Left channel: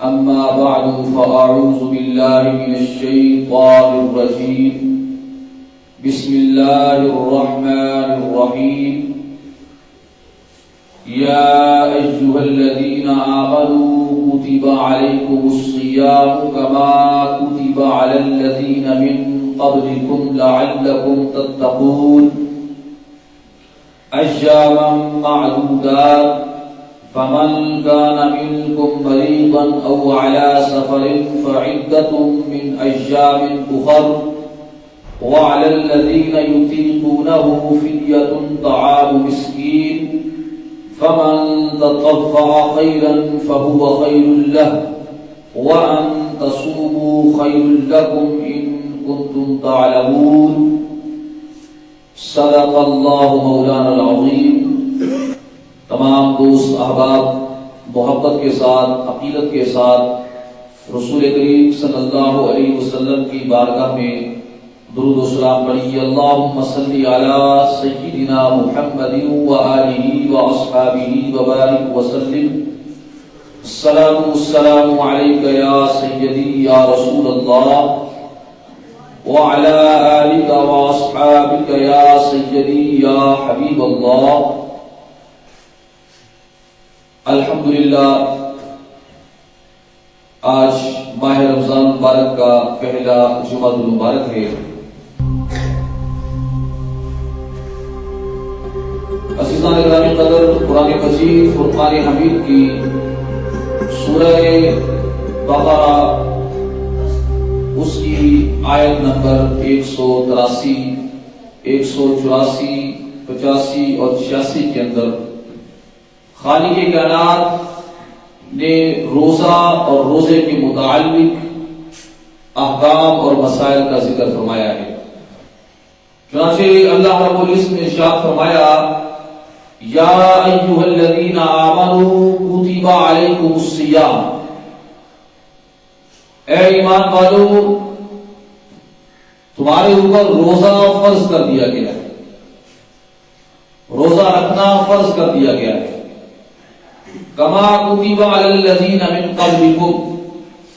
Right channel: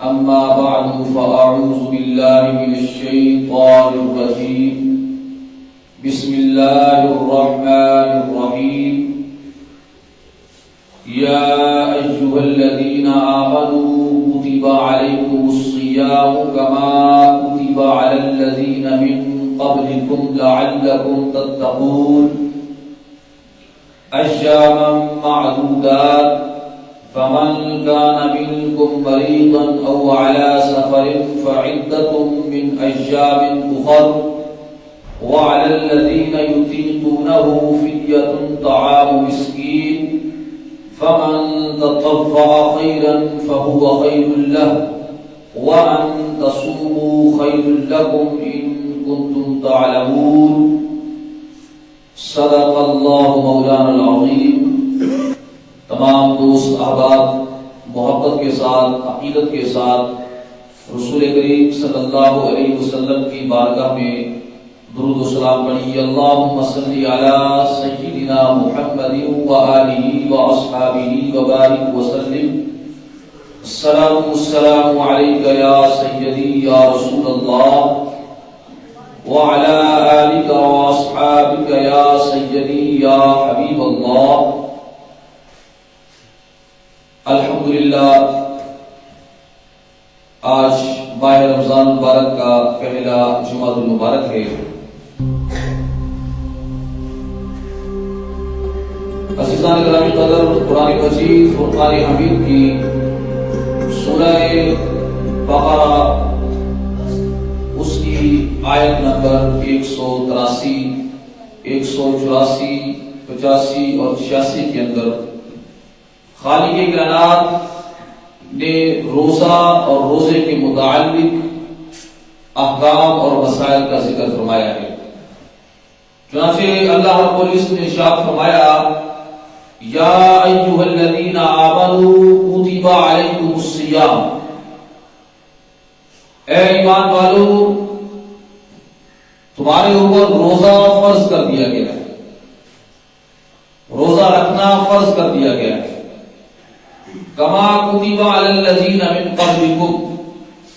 أما بعد فأعوذ بالله من الشيطان الرجيم بسم الله الرحمن الرحيم يا أيها الذين آمنوا كتب عليكم الصيام كما كتب على الذين من قبلكم لعلكم تتقون أياما معدودات فمن كان منكم مريضا أو على سفر فعدة من أيام أخر وعلى الذين يطيقونه فدية طعام مسكين فمن تطوع خيرا فهو خير له وأن تصوموا خير لكم إن كنتم تعلمون صدق الله مولانا العظيم. تمام دوست احباب محبت کے ساتھ عقیدت کے ساتھ رسول کریم صلی اللہ علیہ وسلم کی بارگاہ میں درود و سلام پڑھیے. اللہم صلی علی سیدنا محمد وآلہ واصحابہ وبارک وسلم. الصلاۃ والسلام علیک یا سیدی یا رسول اللہ وعلی آلک واصحابک یا سیدی یا حبیب اللہ. الحمدللہ آج ماہ رمضان مبارک کا پہلا جمعہ المبارک ہے. عزیزان گرامی قدر، قرآن مجید فرقان حمید کی سورہ بقرہ اس کی آیت نمبر 183، 184، 85 اور 86 کے اندر خالق کائنات نے روزہ اور روزے کے متعلق احکام اور مسائل کا ذکر فرمایا ہے. چنانچہ اللہ رب العزت نے ارشاد فرمایا یا ایھا الذین آمنوا کتب علیکم الصیام، اے ایمان والو تمہارے اوپر روزہ فرض کر دیا گیا ہے، روزہ رکھنا فرض کر دیا گیا ہے. کما کتب علی الذین من قبلکم،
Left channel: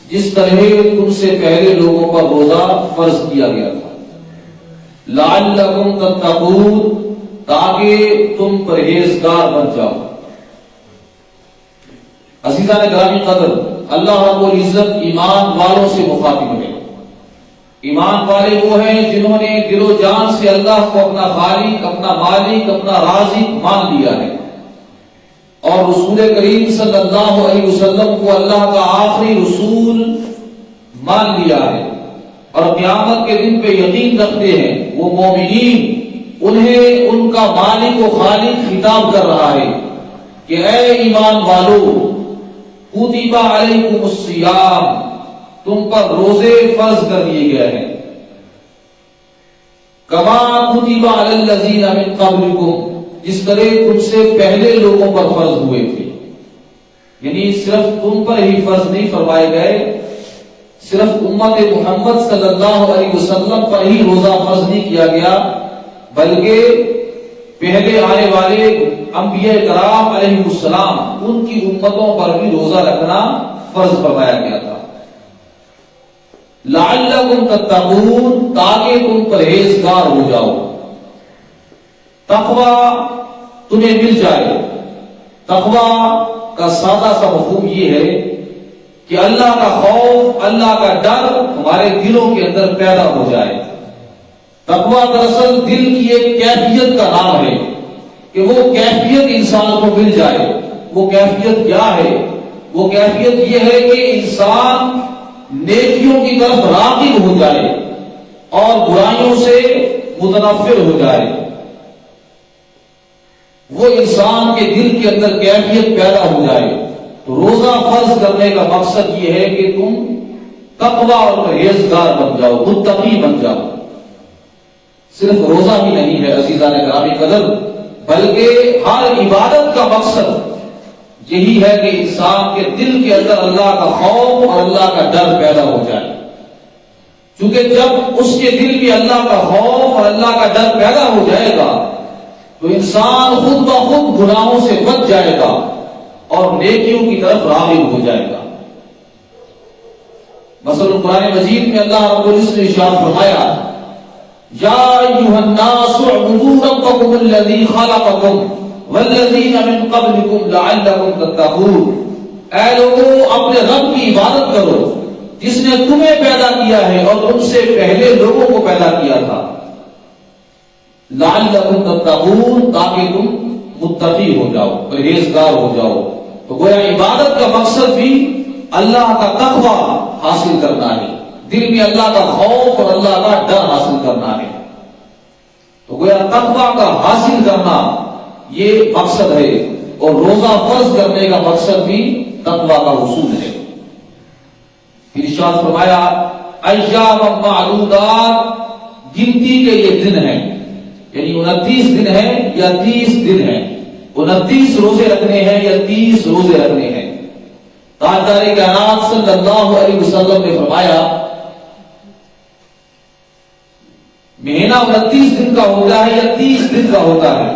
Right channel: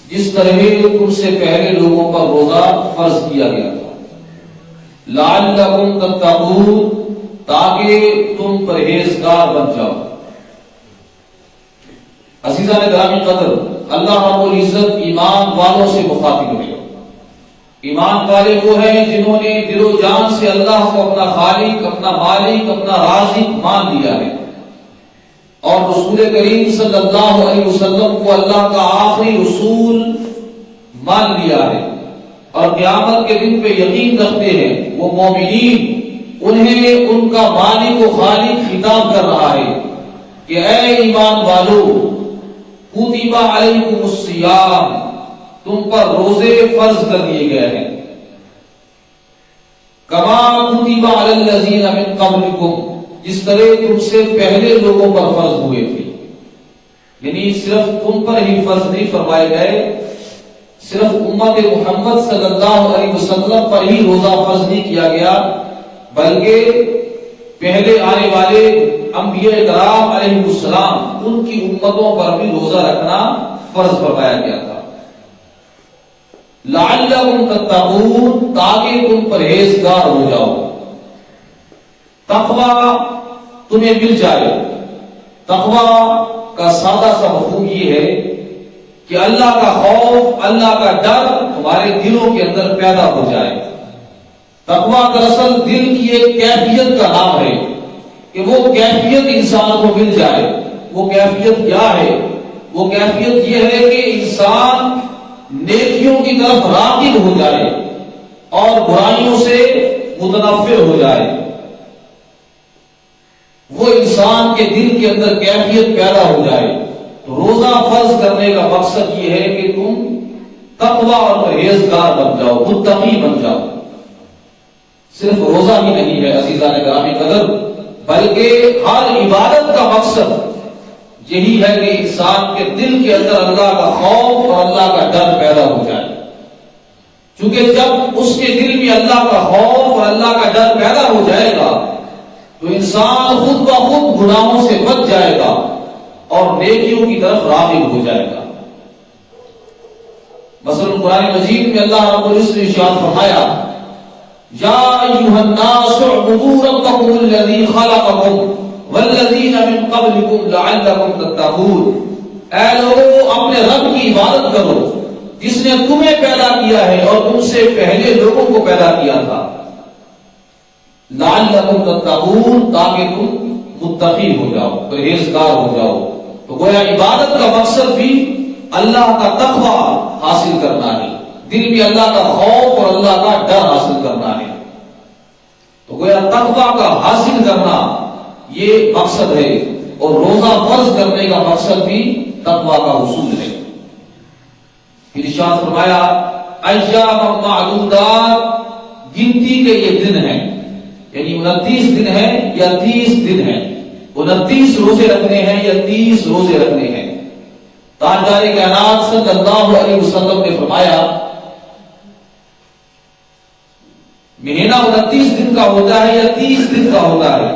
جس طرح تم سے پہلے لوگوں پر روزہ فرض کیا گیا تھا. لعلکم تتقون، تاکہ تم پرہیزگار بن جاؤ. عزیزان گرامی قدر، اللہ رب العزت ایمان والوں سے مخاطب ہے. ایمان والے وہ ہیں جنہوں نے دل و جان سے اللہ کو اپنا خالق، اپنا مالک، اپنا رازق مان لیا ہے اور رسول کریم صلی اللہ علیہ وسلم کو اللہ کا آخری رسول مان لیا ہے اور قیامت کے دن پہ یقین رکھتے ہیں. وہ مومنین انہیں ان کا مالک و خالق خطاب کر رہا ہے کہ اے ایمان والو کتب علیکم الصیام، تم پر روزے فرض کر دیے گئے ہیں. کما کتب علی الذین من قبلکم، جس طرح تم سے پہلے لوگوں پر فرض ہوئے تھے. یعنی صرف تم پر ہی فرض نہیں فرمائے گئے، صرف امت محمد صلی اللہ علیہ وسلم پر ہی روزہ فرض نہیں کیا گیا، بلکہ پہلے آنے والے انبیاء کرام علیہ السلام ان کی امتوں پر بھی روزہ رکھنا فرض فرمایا گیا تھا. لعلکم تتقون، تاکہ تم پرہیزگار ہو جاؤ. تقوی تمہیں مل جائے. تقوی کا سادہ سا مفہوم یہ ہے کہ اللہ کا خوف، اللہ کا ڈر تمہارے دلوں کے اندر پیدا ہو جائے. تقوی دراصل دل کی ایک کیفیت کا نام ہے کہ وہ کیفیت انسان کو مل جائے. وہ کیفیت کیا ہے؟ وہ کیفیت یہ ہے کہ انسان نیکیوں کی طرف راغب ہو جائے اور برائیوں سے متنفر ہو جائے. وہ انسان کے دل کے اندر کیفیت پیدا ہو جائے. تو روزہ فرض کرنے کا مقصد یہ ہے کہ تم تقوی اور پرہیزگار بن جاؤ، متقی بن جاؤ. صرف روزہ ہی نہیں ہے عزیزان گرامی قدر، بلکہ ہر عبادت کا مقصد یہی ہے کہ انسان کے دل کے اندر اللہ کا خوف اور اللہ کا ڈر پیدا ہو جائے. چونکہ جب اس کے دل میں اللہ کا خوف اور اللہ کا ڈر پیدا ہو جائے گا تو انسان خود بخود گناہوں سے بچ جائے گا اور نیکیوں کی طرف راغب ہو جائے گا. مثلا قرآن مجید میں اللہ رب العزت نے ارشاد فرمایا یا ایھا الناس اعبدوا ربکم الذی خلقکم والذین من قبلکم لعلکم تتقون، اے لوگوں اپنے رب کی عبادت کرو جس نے تمہیں پیدا کیا ہے اور تم سے پہلے لوگوں کو پیدا کیا تھا، لعلکم تتقون، تاکہ تم متقی ہو جاؤ، پرہیزگار ہو جاؤ۔ تو گویا عبادت کا مقصد بھی اللہ کا تقوی حاصل کرنا ہے، دل میں اللہ کا خوف اور اللہ کا ڈر حاصل کرنا ہے۔ تو گویا تقوی کا حاصل کرنا یہ مقصد ہے، اور روزہ فرض کرنے کا مقصد بھی تقوی کا حصول ہے۔ پھر ارشاد فرمایا ایام معدودات، گنتی کے یہ دن ہیں، یعنی 29 دن ہیں یا 30 دن ہیں، 29 روزے رکھنے ہیں یا 30 روزے رکھنے ہیں۔ تاجدار کائنات صلی اللہ علیہ وسلم نے فرمایا مہینہ 29 دن کا ہوتا ہے یا 30 دن کا ہوتا ہے؟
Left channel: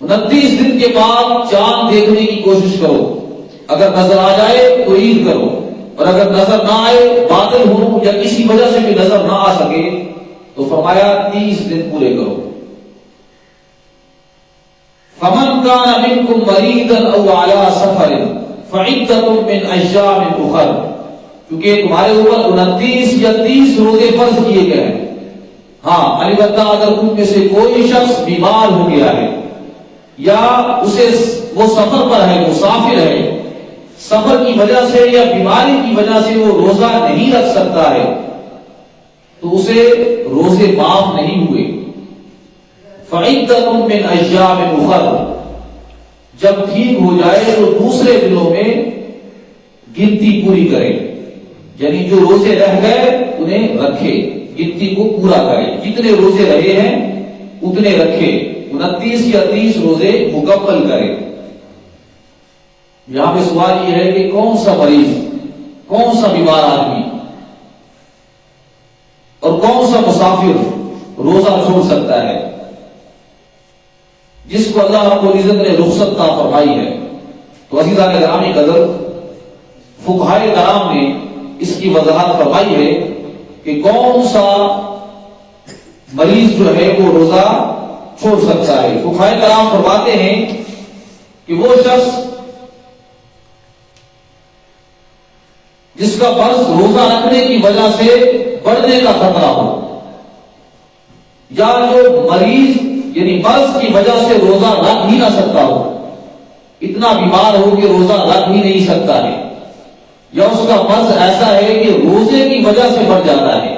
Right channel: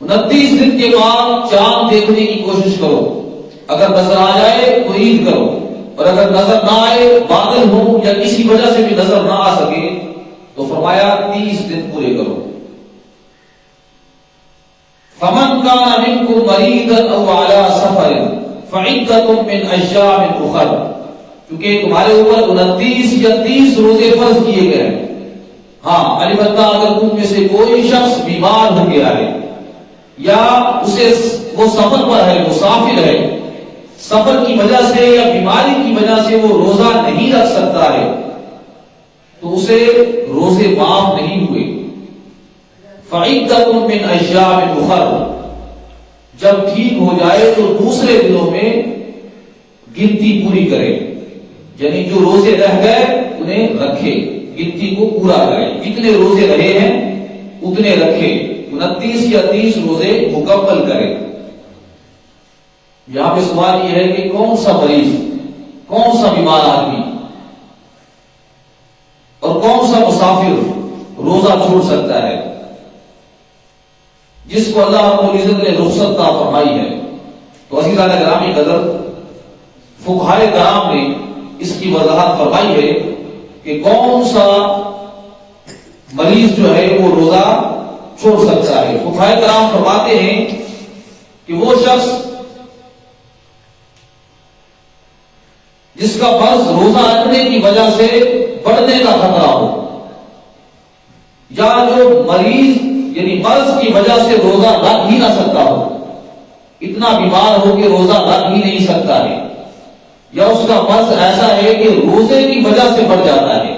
29 دن کے بعد چاند دیکھنے کی کوشش کرو، اگر نظر آ جائے تو عید کرو، اور اگر نظر نہ آئے، بادل ہو یا کسی وجہ سے بھی نظر نہ آ سکے، تو فرمایا 30 دن پورے کرو۔ فمن كان منكم مريضا او على سفر فعدة من ايام اخر، کیونکہ تمہارے اوپر 29 یا 30 روزے فرض کیے گئے ہیں۔ ہاں البتہ اگر تم میں سے کوئی شخص بیمار ہو گیا ہے یا اسے وہ سفر پر ہے، مسافر ہے، سفر کی وجہ سے یا بیماری کی وجہ سے وہ روزہ نہیں رکھ سکتا ہے، تو اسے روزے معاف نہیں ہوئے۔ فعدۃ من ایام اخر، جب ٹھیک ہو جائے تو دوسرے دنوں میں گنتی پوری کرے، یعنی جو روزے رہ گئے انہیں رکھے، گنتی کو پورا کرے، جتنے روزے رہے ہیں اتنے رکھے، 29 یا 30 روزے مکمل کرے۔ یہاں پہ سوال یہ ہے کہ کون سا مریض، کون سا بیمار آدمی اور کون سا مسافر روزہ چھوڑ سکتا ہے جس کو اللہ رب العزت نے رخصت عطا فرمائی ہے؟ تو عزیزان گرامی قدر، فقہائے کرام نے اس کی وضاحت فرمائی ہے کہ کون سا مریض جو ہے وہ روزہ چھوڑ سکتا ہے۔ فقہائے کرام فرماتے ہیں کہ وہ شخص جس کا فرض روزہ رکھنے کی وجہ سے بڑھنے کا خطرہ ہو، یا جو مریض یعنی مرض کی وجہ سے روزہ رکھ ہی نہ سکتا ہو، اتنا بیمار ہو کہ روزہ رکھ ہی نہیں سکتا ہے، یا اس کا مرض ایسا ہے کہ روزے کی وجہ سے بڑھ جاتا ہے،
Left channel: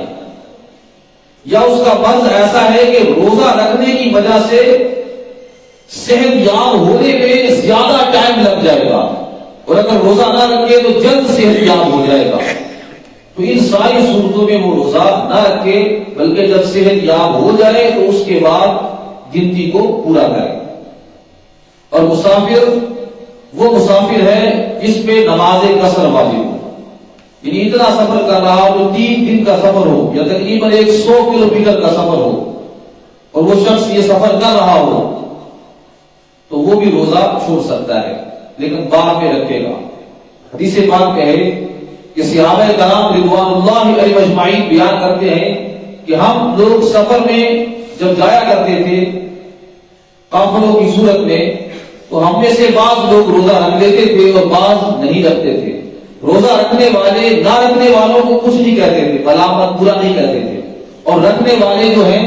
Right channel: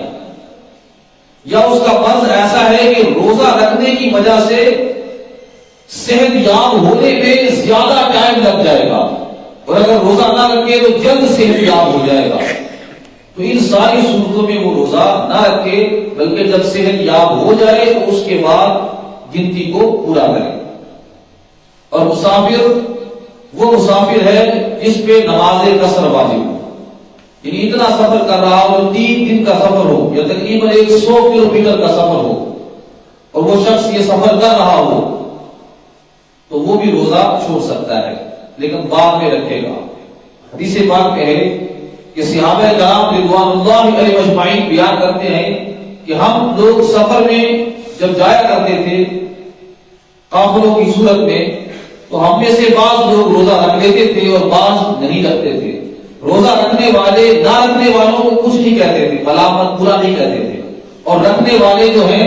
یا اس کا مرض ایسا ہے کہ روزہ رکھنے کی وجہ سے صحت یاب ہونے میں زیادہ ٹائم لگ جائے گا، اور اگر روزہ نہ رکھے تو جلد صحت یاب ہو جائے گا، تو ان ساری صورتوں میں وہ روزہ نہ رکھے، بلکہ جب صحت یاب ہو جائے تو اس کے بعد گنتی کو پورا کرے۔ اور مسافر وہ مسافر ہے جس پہ نماز قصر واجب ہو، یعنی اتنا سفر کر رہا ہو، 3 دن کا سفر ہو یا تقریباً 100 کلومیٹر کا سفر ہو، اور وہ شخص یہ سفر کر رہا ہو تو وہ بھی روزہ چھوڑ سکتا ہے، لیکن بعد میں رکھے گا۔ حدیث پاک میں ہے کہ صحابہ کرام رضوان اللہ علیہ اجمعین بیان کرتے ہیں کہ ہم لوگ سفر میں جب جایا کرتے تھے قافلوں کی صورت میں، تو ہم میں سے بعض لوگ روزہ رکھ لیتے تھے اور بعض نہیں رکھتے تھے۔ روزہ رکھنے والے نہ رکھنے والوں کو کچھ نہیں کہتے تھے، ملامت برا نہیں کرتے تھے، اور رکھنے والے جو ہیں،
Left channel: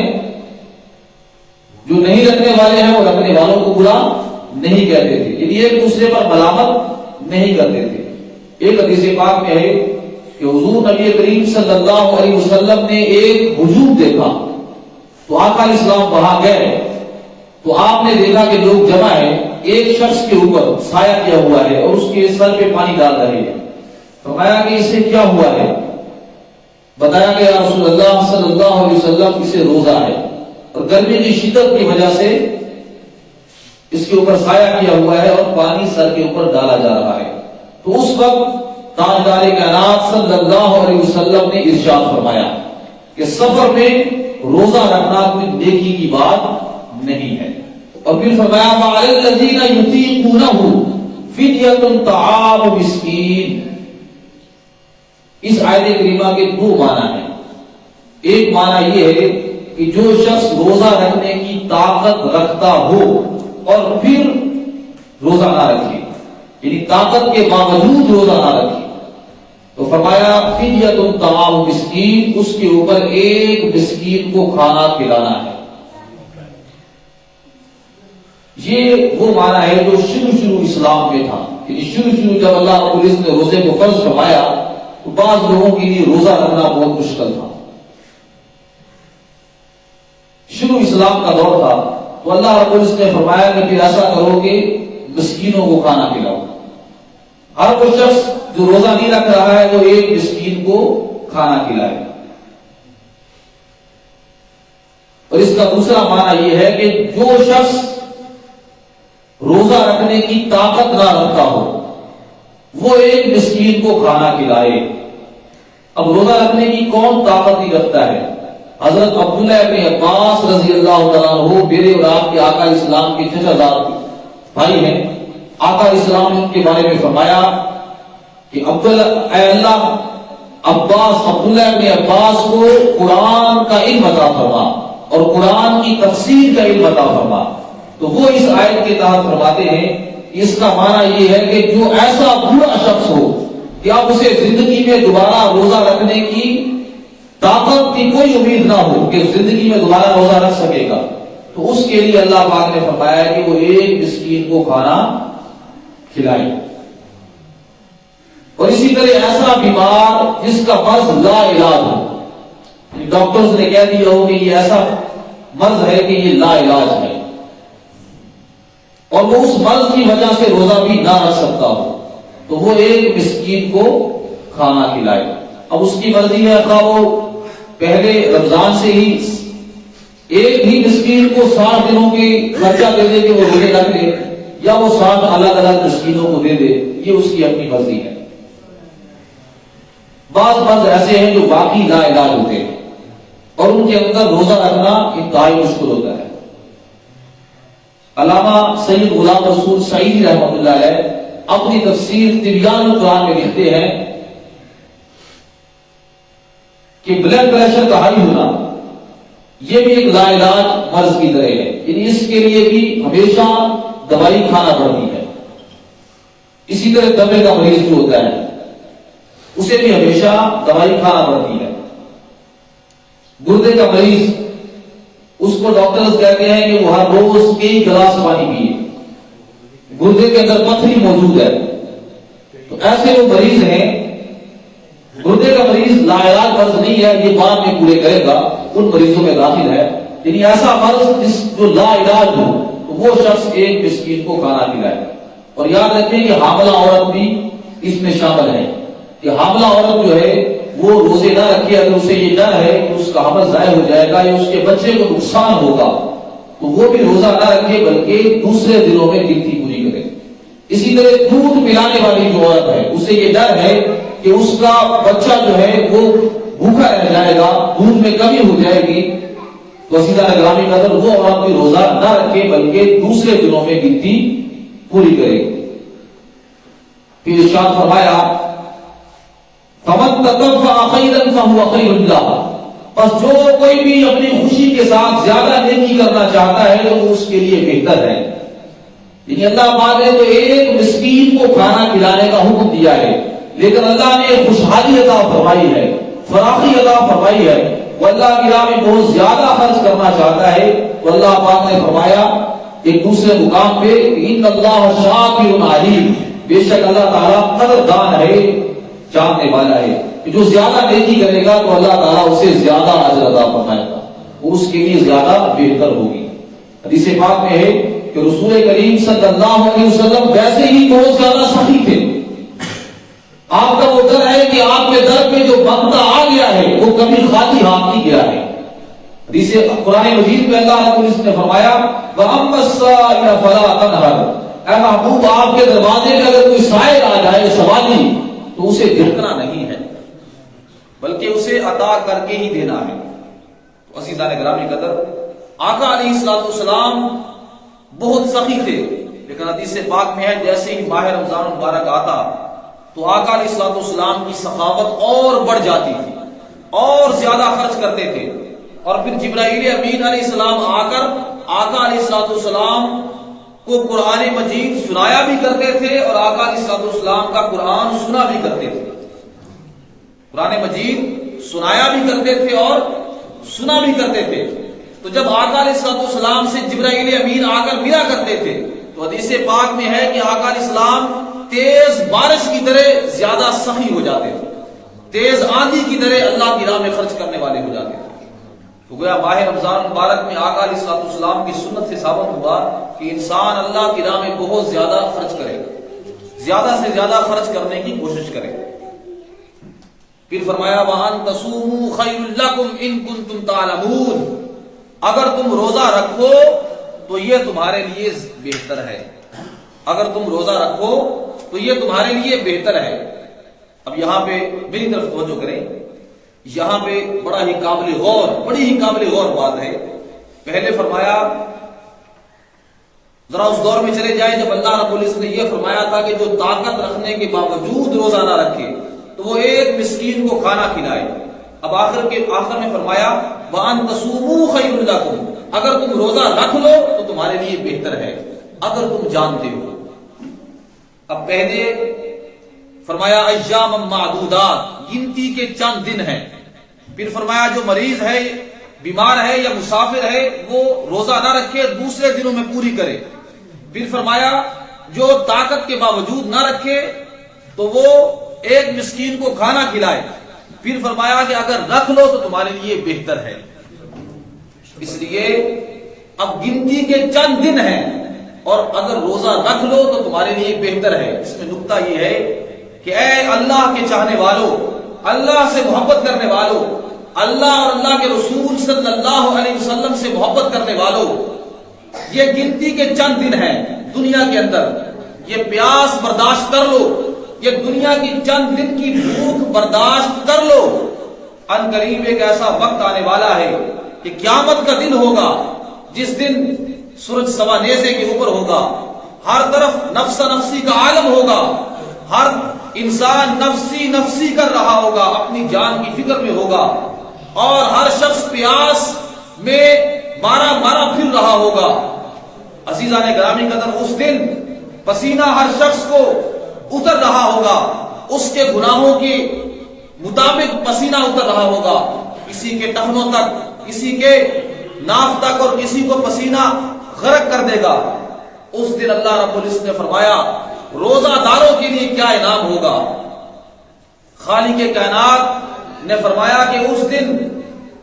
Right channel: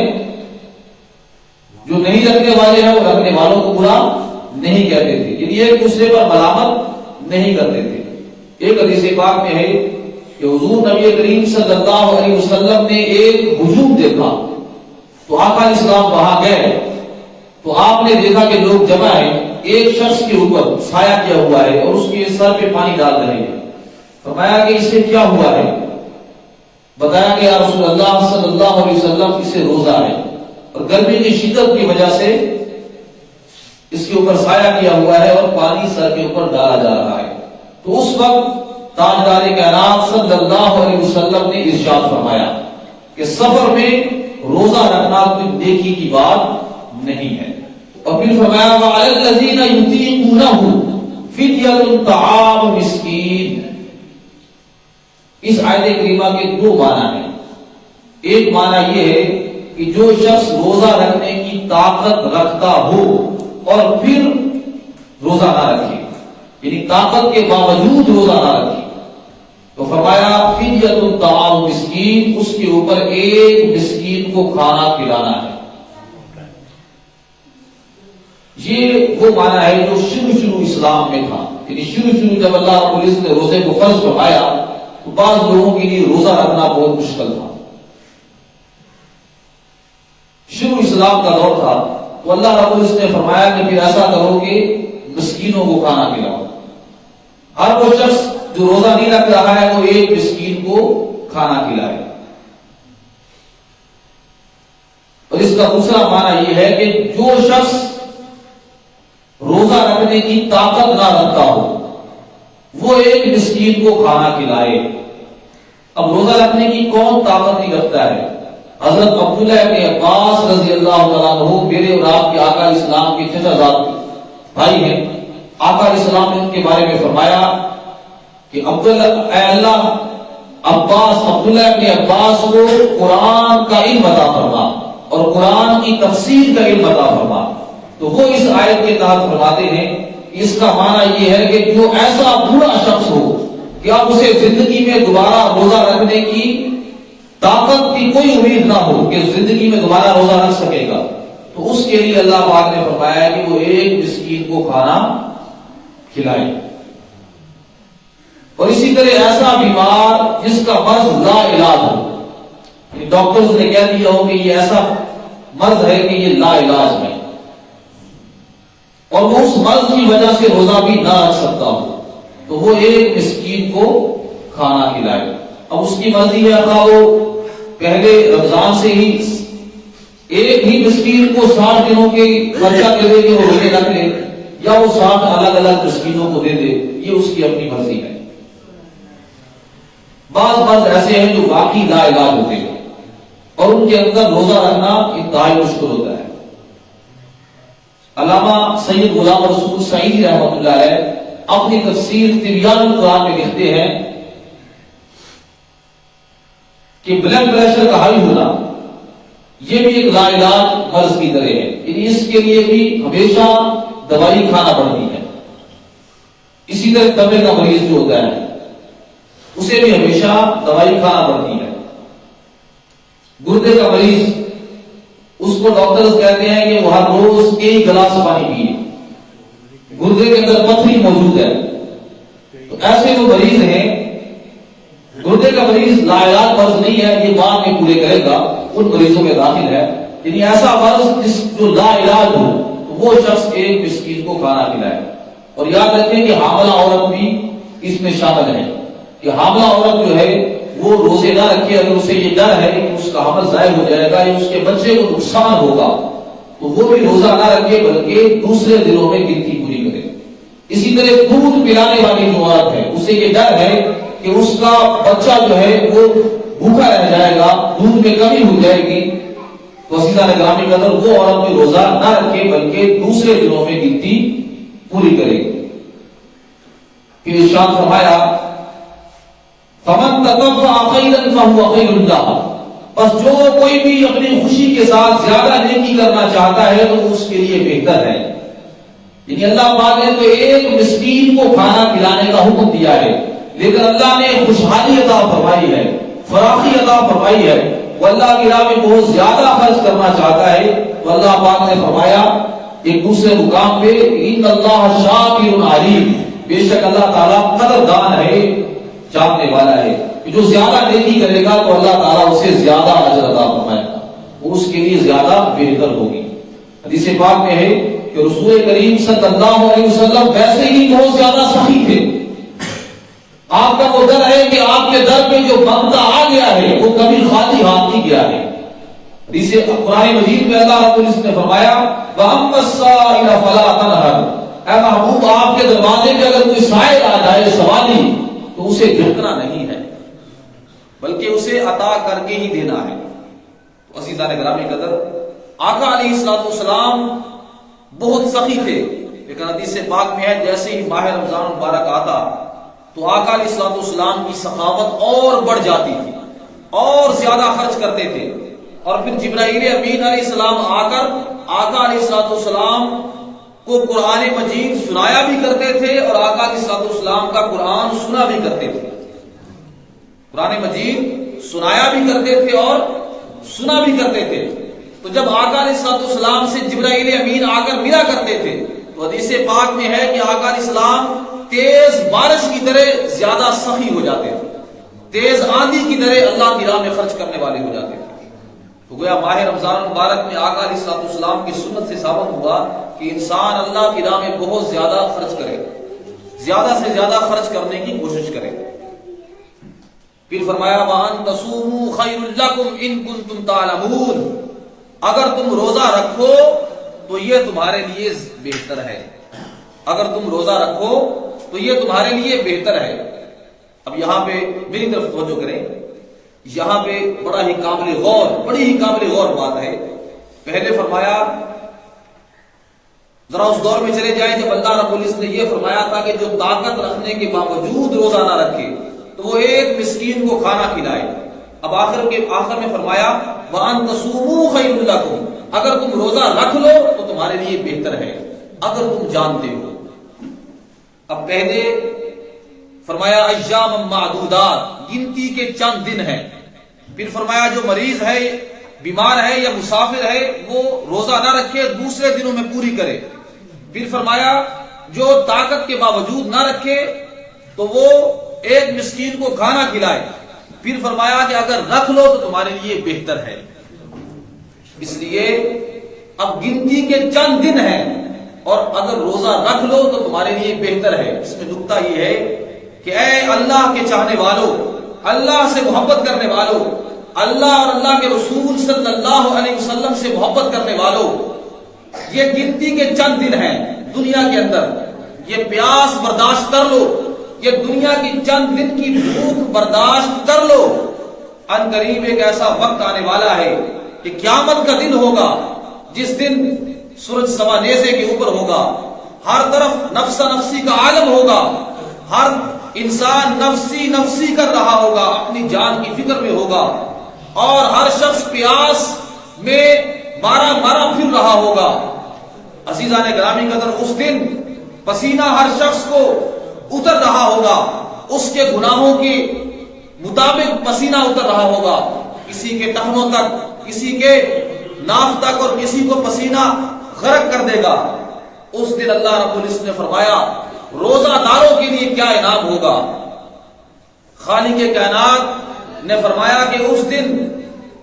جو نہیں رکھنے والے ہیں، وہ رکھنے والوں کو برا نہیں کہتے تھے، یعنی ایک دوسرے پر ملامت نہیں کرتے تھے۔ ایک حدیث پاک میں ہے کہ حضور نبی کریم صلی اللہ علیہ وسلم نے ایک ہجوم دیکھا، تو آقا اسلام وہاں گئے تو آپ نے دیکھا کہ لوگ جمع ہیں، ایک شخص کے اوپر سایہ کیا ہوا ہے اور اس کے سر پہ پانی ڈال رہے ہیں۔ فرمایا کہ اسے کیا ہوا ہے؟ بتایا کہ یا رسول اللہ صلی اللہ علیہ وسلم اسے روزہ ہے، اور گرمی کی شدت کی وجہ سے اس کے اوپر سایہ کیا ہوا ہے اور پانی سر کے اوپر ڈالا جا رہا ہے۔ تو اس وقت تاجدار کائنات صلی اللہ علیہ وسلم نے ارشاد فرمایا کہ سفر میں روزہ رکھنا کوئی نیکی کی بات نہیں ہے، اور پھر فرمایا وَعَلَى الَّذِينَ يُطِيقُونَهُ فِدْيَةٌ طَعَامُ مِسْكِينٍ، اس آیت کریمہ کے دو معنی ہیں. ایک معنی یہ ہے کہ جو شخص روزہ رکھنے کی طاقت رکھتا ہو اور پھر روزہ نہ رکھے، یعنی طاقت کے باوجود روزہ نہ رکھے، تو فرمایا فدیۃ طعام مسکین، اس کے اوپر ایک مسکین کو کھانا کھلانا ہے. یہ وہ معنی ہے جو شروع اسلام میں تھا. یعنی شروع جب اللہ رب العزت نے روزے کو فرض فرمایا تو بعض لوگوں کے لیے روزہ رکھنا بہت مشکل تھا. شروع اسلام کا دور تھا تو اللہ رب العزت نے فرمایا کہ پھر ایسا کرو کہ مسکینوں کو کھانا کھلاؤ. ہر وہ شخص جو روزہ نہیں رکھ رہا ہے وہ ایک مسکین کو کھانا کھلائے. اور اس کا دوسرا معنی یہ ہے کہ جو شخص روزہ رکھنے کی طاقت نہ رکھتا ہو وہ ایک مسکین کو کھانا کھلائے. اب روزہ رکھنے کی کون طاقت نہیں رکھتا ہے؟ حضرت عبداللہ ابن عباس رضی اللہ تعالیٰ عنہ میرے اور آپ کے آقا اسلام کے چچا زاد بھائی ہیں. آقا اسلام نے ان کے بارے میں فرمایا کہ اے اللہ عبداللہ ابن عباس کو قرآن کا علم عطا فرما اور قرآن کی تفسیر کا علم عطا فرما. تو وہ اس آیت کے تحت فرماتے ہیں اس کا معنی یہ ہے کہ جو ایسا برا شخص ہو کہ اب اسے زندگی میں دوبارہ روزہ رکھنے کی طاقت کی کوئی امید نہ ہو کہ زندگی میں دوبارہ روزہ رکھ سکے گا، تو اس کے لیے اللہ پاک نے فرمایا کہ وہ ایک مسکین کو کھانا کھلائے. اور اسی طرح ایسا بیمار جس کا مرض لا علاج ہو، ڈاکٹرز نے کہہ دیا ہو کہ یہ ایسا مرض ہے کہ یہ لا علاج ہے اور وہ اس مرض کی وجہ سے روزہ بھی نہ رکھ سکتا ہو، تو وہ ایک مسکین کو کھانا کھلائے. اب اس کی مرضی ہے کہ وہ پہلے رمضان سے ہی ایک ہی مسکین کو 60 دنوں کے خرچہ دے دے کہ وہ روزے رکھ لے، یا وہ 60 الگ الگ مسکینوں کو دے دے، یہ اس کی اپنی مرضی ہے. بعض مرض ایسے ہیں جو باقی لا علاج ہوتے ہیں اور ان کے اندر روزہ رکھنا انتہائی مشکل ہوتا ہے. علامہ سید غلام رسول سعید رحمۃ اللہ علیہ اپنی تفسیر تبیان القرآن میں لکھتے ہیں کہ بلڈ پریشر کا ہائی ہونا یہ بھی ایک لا علاج مرض کی طرح ہے. یعنی اس کے لیے بھی ہمیشہ دوائی کھانا پڑتی ہے. اسی طرح دمے کا مریض جو ہوتا ہے اسے بھی ہمیشہ دوائی کھانا پڑتی ہے. گردے کا مریض اس کو ڈاکٹرز کہتے ہیں کہ وہ ہر روز کئی گلاس پانی پیے، گردے کے اندر پتھری موجود ہے. تو ایسے جو مریض ہیں، گردے کا مریض لا علاج مرض نہیں ہے، یہ بعد میں پورے کرے گا، ان مریضوں میں داخل ہے. یعنی ایسا مرض جو لا علاج ہو تو وہ شخص ایک مسکین کو کھانا کھلائے. اور یاد رکھیں کہ حاملہ عورت بھی اس میں شامل ہے کہ حاملہ عورت جو ہے وہ روزے نہ رکھے، اگر اسے یہ ڈر ہے کہ اس کا حمل ضائع ہو جائے گا یا اس کے بچے کو نقصان ہوگا تو وہ بھی روزہ نہ رکھے بلکہ دوسرے دنوں میں گنتی پوری کرے. اسی طرح دودھ پلانے والی جو عورت ہے اسے یہ ڈر ہے کہ اس کا بچہ جو ہے وہ بھوکا رہ جائے گا، دودھ میں کمی ہو جائے گی، تو عزیزان گرامی قدر وہ عورت بھی روزہ نہ رکھے بلکہ دوسرے دنوں میں گنتی پوری کرے. پھر ارشاد فرمایا فمن تطوع خیرا فهو خیر له، بس جو کوئی بھی اپنی خوشی کے ساتھ زیادہ نیکی کرنا چاہتا ہے تو اس کے لیے بہتر ہے. یعنی اللہ پاک نے تو ایک مسکین کو کھانا کھلانے کا حکم دیا ہے، لیکن اللہ نے خوشحالی عطا فرمائی ہے، فراخی عطا فرمائی ہے. وہ اللہ کی راہ میں بہت زیادہ خرچ کرنا چاہتا ہے تو اللہ پاک نے فرمایا ایک دوسرے مقام پہ ان اللہ شاکر علیم، بے شک اللہ تعالیٰ قدردان ہے، جاننے والا ہے. کہ جو زیادہ نیکی کرے گا تو اللہ تعالیٰ اسے زیادہ اجر عطا فرمائے گا، وہ اس کے لیے زیادہ بہتر ہوگی. حدیث پاک میں ہے کہ رسول کریم صلی اللہ علیہ وسلم ویسے ہی بہت زیادہ سخی تھے. آپ کا وہ ڈر ہے کہ آپ کے در پہ جو بندہ آ گیا ہے وہ کبھی خالی ہاتھ نہیں گیا ہے. حدیث قرآن مجید میں اللہ رب العزت نے فرمایا وَأَمَّا السَّائِلَ فَلَا تَنْهَرْ، اے محبوب آپ کے دروازے پہ اگر کوئی سائل آ جائے سوالی تو اسے جھٹکنا نہیں ہے بلکہ اسے عطا کر کے ہی دینا ہے. تو عزیزان گرامی قدر آقا علیہ الصلوۃ والسلام بہت سخی تھے، لیکن حدیث پاک میں ہے جیسے ہی ماہ رمضان مبارک آتا تو آقا علیہ الصلوۃ والسلام کی سخاوت اور بڑھ جاتی تھی اور زیادہ خرچ کرتے تھے. اور پھر جبرائیل امین علیہ السلام آ کر آقا علیہ الصلوۃ والسلام کو قرآن مجید سنایا بھی کرتے تھے اور آقا علیہ الصلوۃ والسلام کا قرآن سنا بھی کرتے تھے. قرآن مجید سنایا بھی کرتے تھے اور سنا بھی کرتے تھے. تو جب آقا علیہ الصلوۃ والسلام سے جبرائیل امین آ کر ملا کرتے تھے تو حدیث پاک میں ہے کہ آقا علیہ السلام تیز بارش کی طرح زیادہ سخی ہو جاتے تھے، تیز آندھی کی طرح اللہ کی راہ میں خرچ کرنے والے ہو جاتے تھے. تو گویا ماہ رمضان مبارک میں آقا علیہ الصلوۃ والسلام کی سنت سے ثابت ہوا کہ انسان اللہ کی راہ میں بہت زیادہ خرچ کرے، زیادہ سے زیادہ خرچ کرنے کی کوشش کرے. پھر فرمایا وَأَن تَصُومُوا خَيْرٌ لَكُمْ إِن كُنتُمْ تَعْلَمُونَ، اگر تم روزہ رکھو تو یہ تمہارے لیے بہتر ہے. اگر تم روزہ رکھو تو یہ تمہارے لیے بہتر ہے. اب یہاں پہ میری طرف توجہ کریں، یہاں پہ بڑی ہی قابل غور بات ہے. پہلے فرمایا، ذرا اس دور میں چلے جائیں جب اللہ رب العزت نے یہ فرمایا تھا کہ جو طاقت رکھنے کے باوجود روزہ نہ رکھے تو وہ ایک مسکین کو کھانا کھلائے. اب آخر میں فرمایا وَأَن تَصُومُوا خَيْرٌ لَكُمْ، اگر تم روزہ رکھ لو تو تمہارے لیے بہتر ہے اگر تم جانتے ہو. اب پہلے فرمایا ایام معدودات، گنتی کے چند دن ہیں. پھر فرمایا جو مریض ہے، بیمار ہے یا مسافر ہے وہ روزہ نہ رکھے، دوسرے دنوں میں پوری کرے. پھر فرمایا جو طاقت کے باوجود نہ رکھے تو وہ ایک مسکین کو کھانا کھلائے. پھر فرمایا کہ اگر رکھ لو تو تمہارے لیے بہتر ہے. اس لیے اب گنتی کے چند دن ہیں اور اگر روزہ رکھ لو تو تمہارے لیے بہتر ہے. اس میں نقطہ یہ ہے کہ اے اللہ کے چاہنے والوں، اللہ سے محبت کرنے والوں، اللہ اور اللہ کے رسول صلی اللہ علیہ وسلم سے محبت کرنے والوں، یہ گنتی کے چند دن ہیں دنیا کے اندر، یہ پیاس برداشت کر لو، یہ دنیا کی چند دن کی بھوک برداشت کر لو. ان قریب ایک ایسا وقت آنے والا ہے کہ قیامت کا دن ہوگا جس دن سورج سوا نیزے کے اوپر ہوگا، ہر طرف نفس نفسی کا عالم ہوگا، ہر انسان نفسی نفسی کر رہا ہوگا، اپنی جان کی فکر میں ہوگا، اور ہر شخص پیاس میں مارا مارا پھر رہا ہوگا. عزیزان گرامی قدر، اس دن پسینہ ہر شخص کو اتر رہا ہوگا، اس کے گناہوں کے مطابق پسینہ اتر رہا ہوگا، کسی کے ٹخنوں تک، کسی کے ناف تک، اور کسی کو پسینہ غرق کر دے گا. اس دن اللہ رب العزت نے فرمایا روزہ داروں کے لیے کیا انعام ہوگا. خالق کائنات نے فرمایا کہ اس دن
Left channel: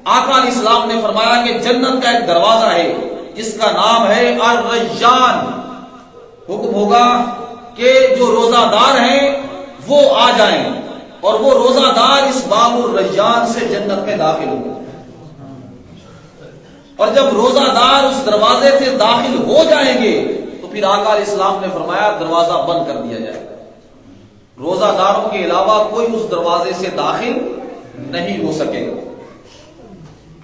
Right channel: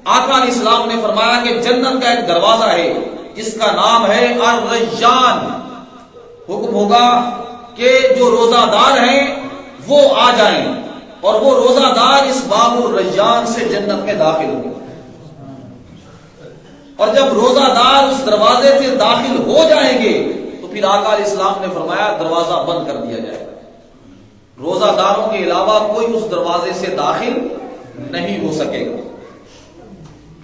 آقا علیہ السلام نے فرمایا کہ جنت کا ایک دروازہ ہے جس کا نام ہے الریان. حکم ہوگا کہ جو روزہ دار ہیں وہ آ جائیں اور وہ روزہ دار اس باب الریان سے جنت میں داخل ہوں. اور جب روزہ دار اس دروازے سے داخل ہو جائیں گے تو پھر آقا علیہ السلام نے فرمایا دروازہ بند کر دیا جائے گا. روزہ داروں کے علاوہ کوئی اس دروازے سے داخل نہیں ہو سکے گا.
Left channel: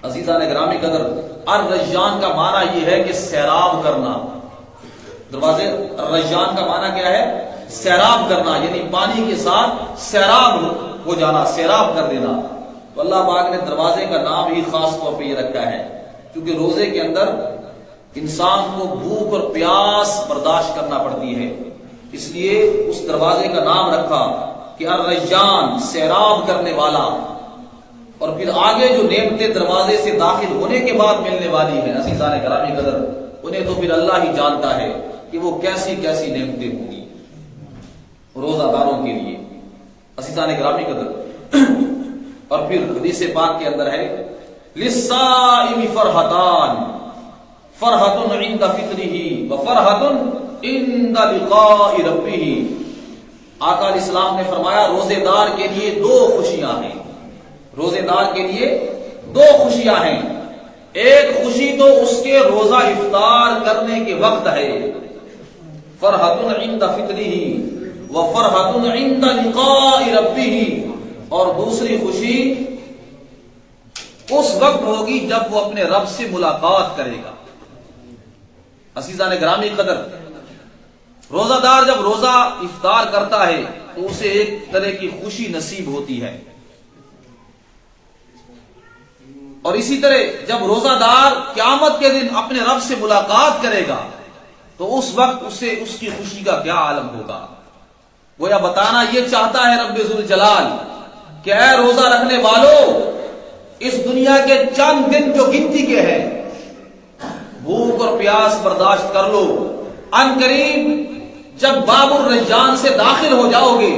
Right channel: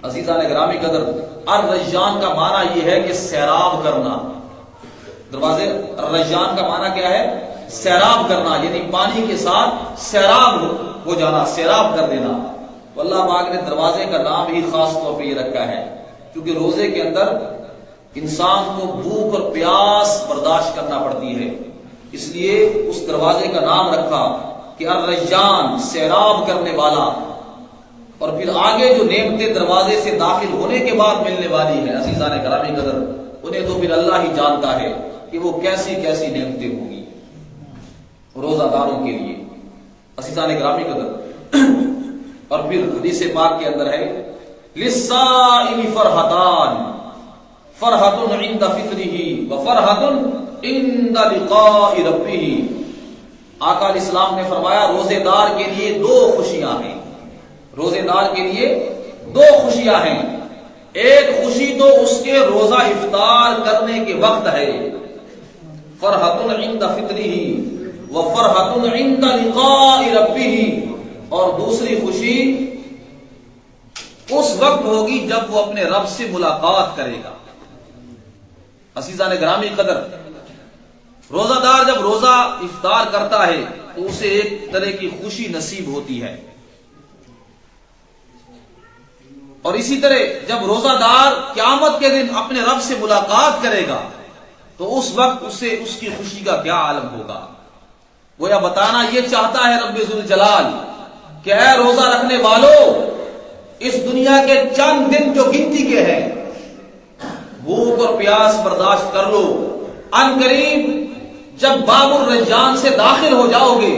عزیزان گرامی قدر، الریان کا معنی یہ ہے کہ سیراب کرنا. دروازے الریان کا معنی کیا ہے؟ سیراب کرنا، یعنی پانی کے ساتھ سیراب ہو جانا، سیراب کر دینا. تو اللہ پاک نے دروازے کا نام ہی خاص طور پہ یہ رکھا ہے کیونکہ روزے کے اندر انسان کو بھوک اور پیاس برداشت کرنا پڑتی ہے، اس لیے اس دروازے کا نام رکھا کہ الریان، سیراب کرنے والا. اور پھر آگے جو نعمتیں دروازے سے داخل ہونے کے بعد ملنے والی ہیں عزیزان گرامی قدر، انہیں تو پھر اللہ ہی جانتا ہے کہ وہ کیسی کیسی نعمتیں ہوں گی روزہ داروں کے لیے. عزیزان گرامی قدر، اور پھر حدیث پاک کے اندر ہے للصائم فرحتان، فرحۃ عند فطرہ وفرحۃ عند لقاء ربہ. آقا علیہ السلام نے فرمایا روزے دار کے لیے دو خوشیاں ہیں. روزے دار کے لیے دو خوشیاں ہیں. ایک خوشی تو اس کے روزہ افطار کرنے کے وقت ہے، فرحۃ عند فطرہ وفرحۃ عند لقاء ربہ، اور دوسری خوشی اس وقت ہوگی جب وہ اپنے رب سے ملاقات کرے گا. عزیزان گرامی قدر، روزہ دار جب روزہ افطار کرتا ہے تو اسے ایک طرح کی خوشی نصیب ہوتی ہے، اور اسی طرح جب روزہ دار قیامت کے دن اپنے رب سے ملاقات کرے گا تو اس وقت اسے اس کی خوشی کا کیا عالم ہوگا۔ گویا بتانا یہ چاہتا ہے رب ذوالجلال کہ اے روزہ رکھنے والوں، اس دنیا کے چند دن جو گنتی کے ہیں، بھوک اور پیاس برداشت کر لو، ان قریب جب باب الریان سے داخل ہو جاؤ گے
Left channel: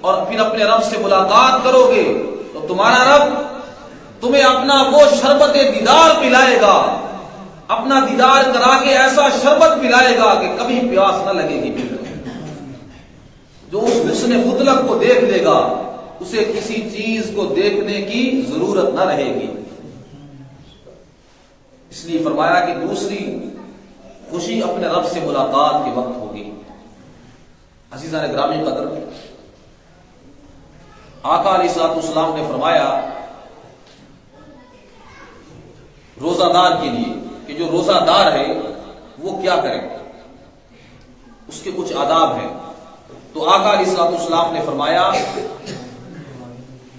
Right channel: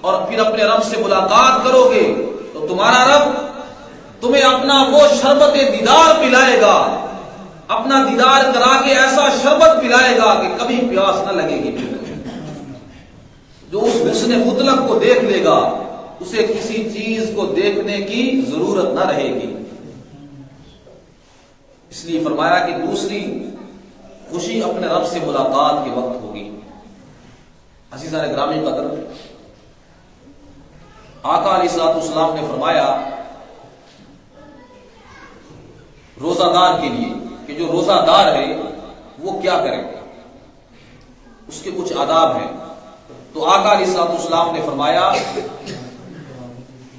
اور پھر اپنے رب سے ملاقات کرو گے تو تمہارا رب تمہیں اپنا وہ شربت دیدار پلائے گا، اپنا دیدار کرا کے ایسا شربت پلائے گا کہ کبھی پیاس نہ لگے گی۔ جو اس حسن مطلق کو دیکھ لے گا اسے کسی چیز کو دیکھنے کی ضرورت نہ رہے گی۔ اس لیے فرمایا کہ دوسری خوشی اپنے رب سے ملاقات کے وقت ہوگی۔ عزیزان گرامی قدر، آقا علیہ الصلوۃ والسلام نے فرمایا روزہ دار کے لیے کہ جو روزہ دار ہے وہ کیا کرے، اس کے کچھ آداب ہیں۔ تو آقا علیہ الصلوۃ والسلام نے فرمایا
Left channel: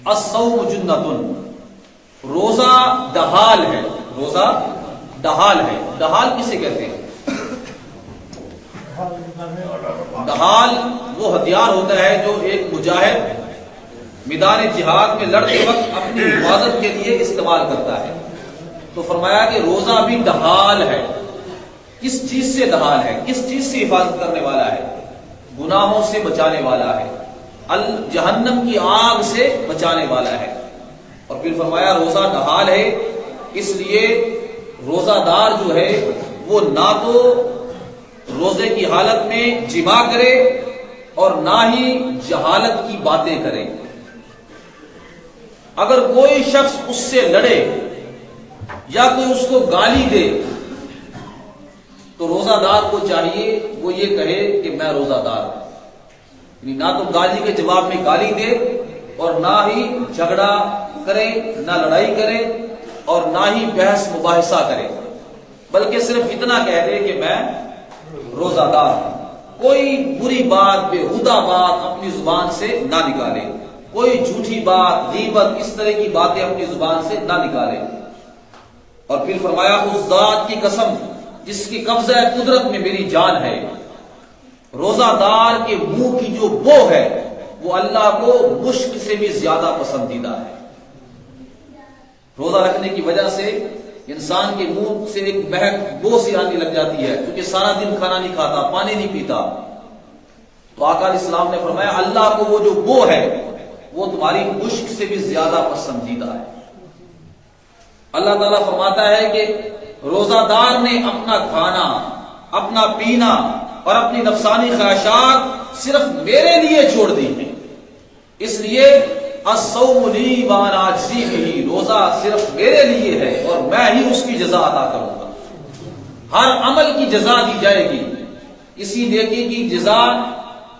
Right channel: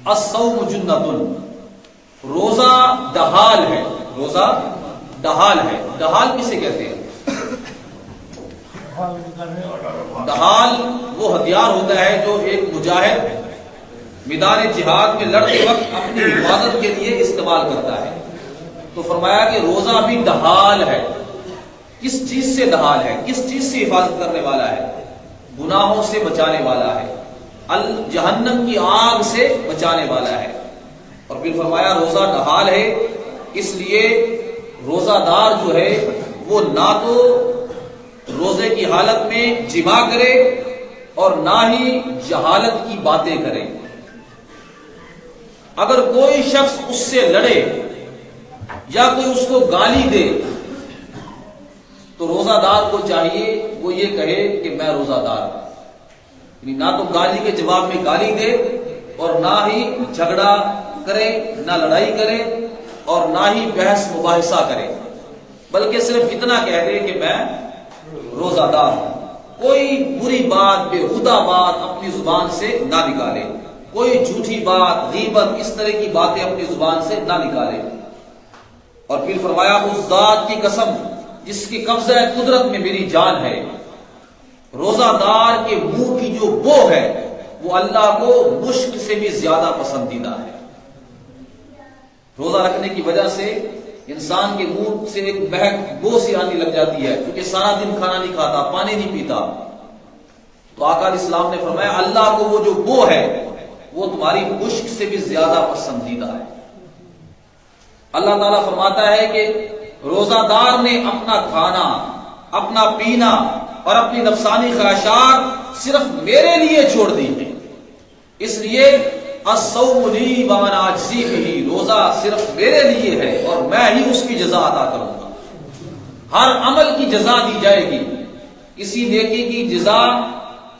الصوم جنۃ، روزہ ڈھال ہے، روزہ ڈھال ہے۔ ڈھال کسے کہتے ہیں؟ ڈھال وہ ہتھیار ہوتا ہے جو ایک مجاہد میدان جہاد میں لڑتے وقت اپنی حفاظت کے لیے استعمال کرتا ہے۔ تو فرمایا کہ روزہ بھی ڈھال ہے۔ کس چیز سے ڈھال ہے؟ کس چیز سے حفاظت کرنے والا ہے؟ گناہوں سے بچانے والا ہے، جہنم کی آگ سے بچانے والا ہے۔ اور پھر فرمایا روزہ ڈھال ہے، اس لیے روزہ دار جو ہے وہ نہ تو روزے کی حالت میں جماع کرے اور نہ ہی جہالت کی باتیں کرے۔ اگر کوئی شخص اس سے لڑے یا کوئی اس کو گالی دے تو روزہ دار کو چاہیے وہ یہ کہے کہ میں روزہ دار ہوں، یعنی نہ تو گالی کے جواب میں گالی دے اور نہ ہی جھگڑا کرے، نہ لڑائی کرے اور نہ ہی بحث مباحثہ کرے، بلکہ صرف اتنا کہہ دے کہ میں روزہ دار ہوں۔ کوئی بری بات، بےہودہ بات اپنی زبان سے نہ نکالے، کوئی جھوٹی بات، غیبت، اس طرح کی باتیں اپنی زبان سے نہ نکالے۔ اور پھر فرمایا اس ذات کی قسم جس کی قبضہ قدرت میں میری جان ہے، روزہ دار کے منہ کی جو بو ہے وہ اللہ کو مشک سے بھی زیادہ پسندیدہ ہے۔ روزہ رکھنے کی وجہ سے انسان کے منہ سے ایک مہک بو سی آنے لگ جاتی ہے، کیونکہ سارا دن کھانا نہیں کھاتا، پانی نہیں پیتا۔ تو آقا علیہ السلام نے فرمایا اللہ کو وہ جو بو ہے وہ تمہاری مشک سے بھی زیادہ پسندیدہ ہے۔ اللہ تعالیٰ فرماتا ہے کہ روزہ دار نے اپنا کھانا، اپنا پینا اور اپنی نفسانی خواہشات صرف میرے لیے چھوڑ دی ہیں، اس لیے الصوم لی وانا اجزی بہ، روزہ صرف میرے لیے ہے اور میں ہی اس کی جزا عطا کروں گا۔ ہر عمل کی جزا دی جائے گی، کسی نیکی کی جزا،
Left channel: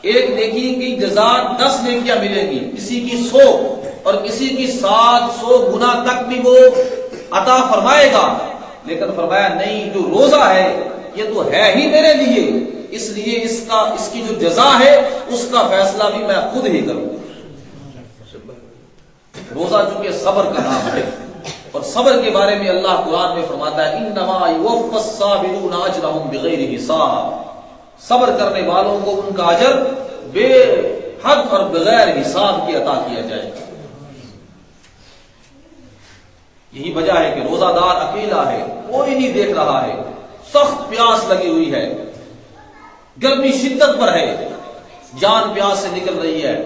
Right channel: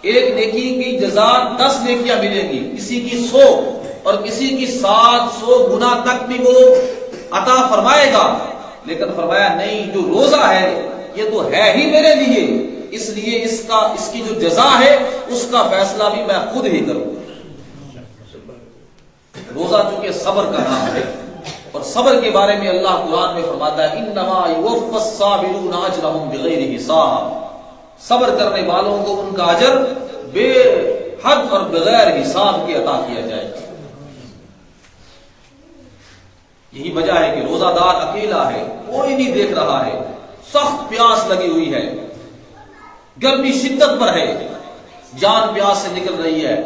ایک نیکی کی جزا 10 نیکیاں ملیں گی، کسی کی 100 اور کسی کی 700 گنا تک بھی وہ عطا فرمائے گا، لیکن فرمایا نہیں، جو روزہ ہے یہ تو ہے ہی میرے لیے، اس لیے اس کی جو جزا ہے اس کا فیصلہ بھی میں خود ہی کروں گا۔ روزہ چونکہ صبر کا نام ہے، اور صبر کے بارے میں اللہ قرآن میں فرماتا ہے انما یوفی الصابرون اجرهم بغیر حساب، صبر کرنے والوں کو ان کا اجر بے حد اور بغیر حساب کے عطا کیا جائے گا۔ یہی وجہ ہے کہ روزہ دار اکیلا ہے، کوئی نہیں دیکھ رہا ہے، سخت پیاس لگی ہوئی ہے، گرمی شدت پر ہے، جان پیاس سے نکل رہی ہے،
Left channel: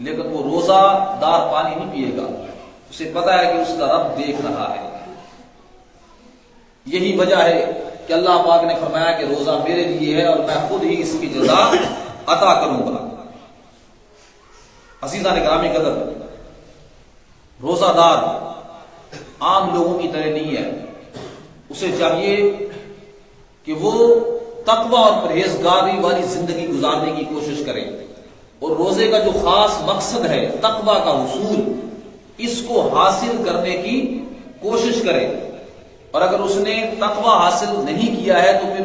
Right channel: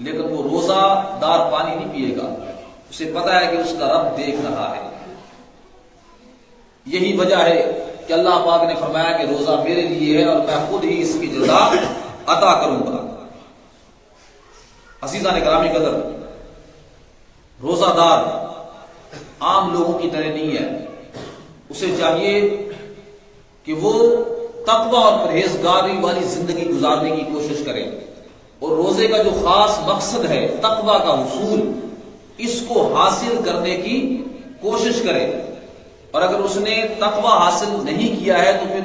لیکن وہ روزہ دار پانی نہیں پیے گا، اسے پتا ہے کہ اس کا رب دیکھ رہا ہے۔ یہی وجہ ہے کہ اللہ پاک نے فرمایا کہ روزہ میرے لیے ہے اور میں خود ہی اس کی جزا عطا کروں گا۔ عزیزان گرامی قدر، روزہ دار عام لوگوں کی طرح نہیں ہے، اسے چاہیے کہ وہ تقوی اور پرہیزگاری والی زندگی گزارنے کی کوشش کرے، اور روزے کا جو خاص مقصد ہے تقوی کا حصول، اس کو حاصل کرنے کی کوشش کرے۔ اور اگر اس نے تقوی حاصل نہیں کیا ہے تو پھر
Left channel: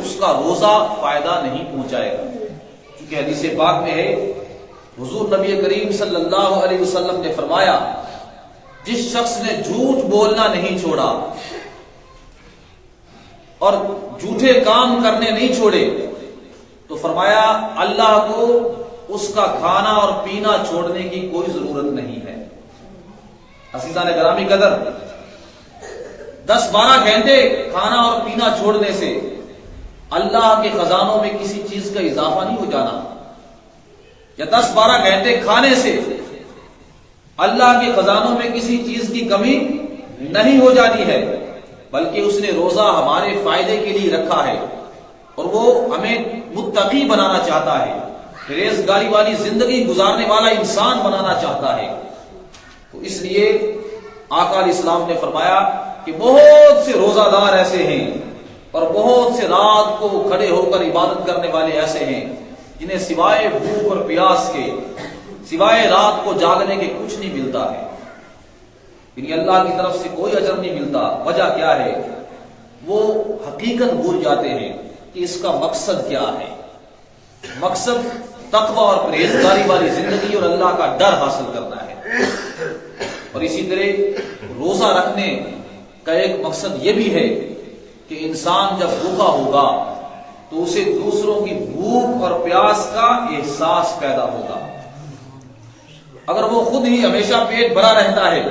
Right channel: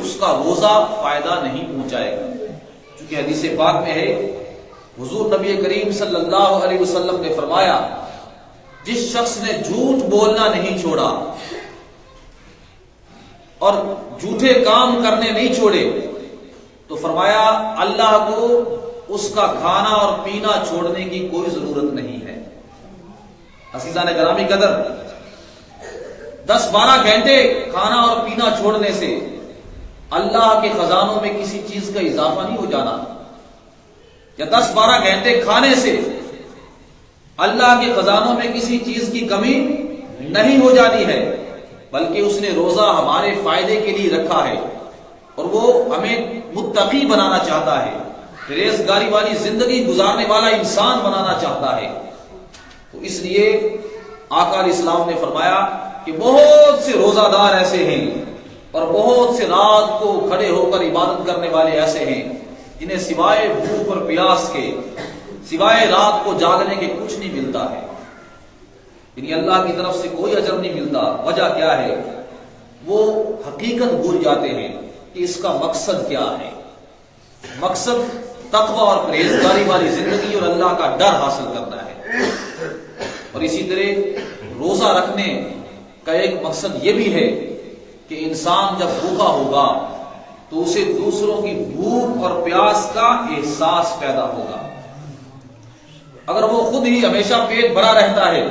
اس کا روزہ فائدہ نہیں پہنچائے گا. چونکہ حدیث پاک میں ہے، حضور نبی کریم صلی اللہ علیہ وسلم نے فرمایا، جس شخص نے جھوٹ بولنا نہیں چھوڑا اور جھوٹے کام کرنے نہیں چھوڑے تو فرمایا اللہ کو اس کا کھانا اور پینا چھوڑنے کی کوئی ضرورت نہیں ہے. عزیزان گرامی قدر، 10-12 گھنٹے کھانا اور پینا چھوڑنے سے اللہ کے خزانوں میں کسی چیز کا اضافہ نہیں ہو جانا، یا 10-12 گھنٹے کھانے سے اللہ کے خزانوں میں کسی چیز کی کمی نہیں ہو جانی ہے، بلکہ اس نے روزہ ہمارے فائدے کے لیے رکھا ہے اور وہ ہمیں متقی بنانا چاہتا ہے، پرہیزگاری والی زندگی گزارنے والا انسان بنانا چاہتا ہے. تو اس لیے آقا علیہ السلام نے فرمایا کہ بہت سے روزہ دار ایسے ہیں اور بہت سے رات کو کھڑے ہو کر عبادت کرنے والے ایسے ہیں جنہیں سوائے بھوک اور پیاس کے، سوائے رات کو جاگنے کے کچھ نہیں ملتا ہے، یعنی اللہ کی طرف سے کوئی اجر نہیں ملتا. وجہ کیا ہے؟ وہ حقیقت بھول جاتے ہیں کہ اس کا مقصد کیا ہے. مقصد تقوی اور پرہیزگاری والی زندگی اور اللہ کا ڈر حاصل کرنا ہے. اور اسی طرح روزہ رکھنے کا ایک مقصد یہ بھی ہے کہ انسان جب بھوکا ہوگا تو اسے دوسروں کی بھوک اور پیاس کا احساس پیدا ہوگا. اگر وہ خود ہی ہمیشہ پیٹ بھرا رہتا ہے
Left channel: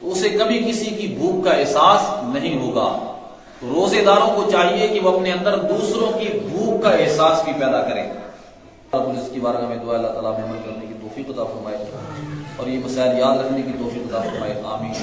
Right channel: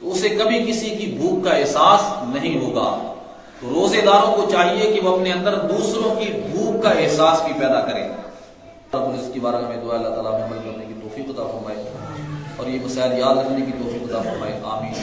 تو اسے کبھی کسی کی بھوک کا احساس نہیں ہوگا. تو روزے داروں کو چاہیے کہ وہ اپنے اندر دوسروں کی بھوک کا احساس بھی پیدا کریں. اس کی بارگاہ میں دعا اللہ تعالیٰ میں عمل کرنے کی توفیق عطا فرمائے اور یہ مسائل یاد رکھنے کی توفیق عطا فرمائے. آمین.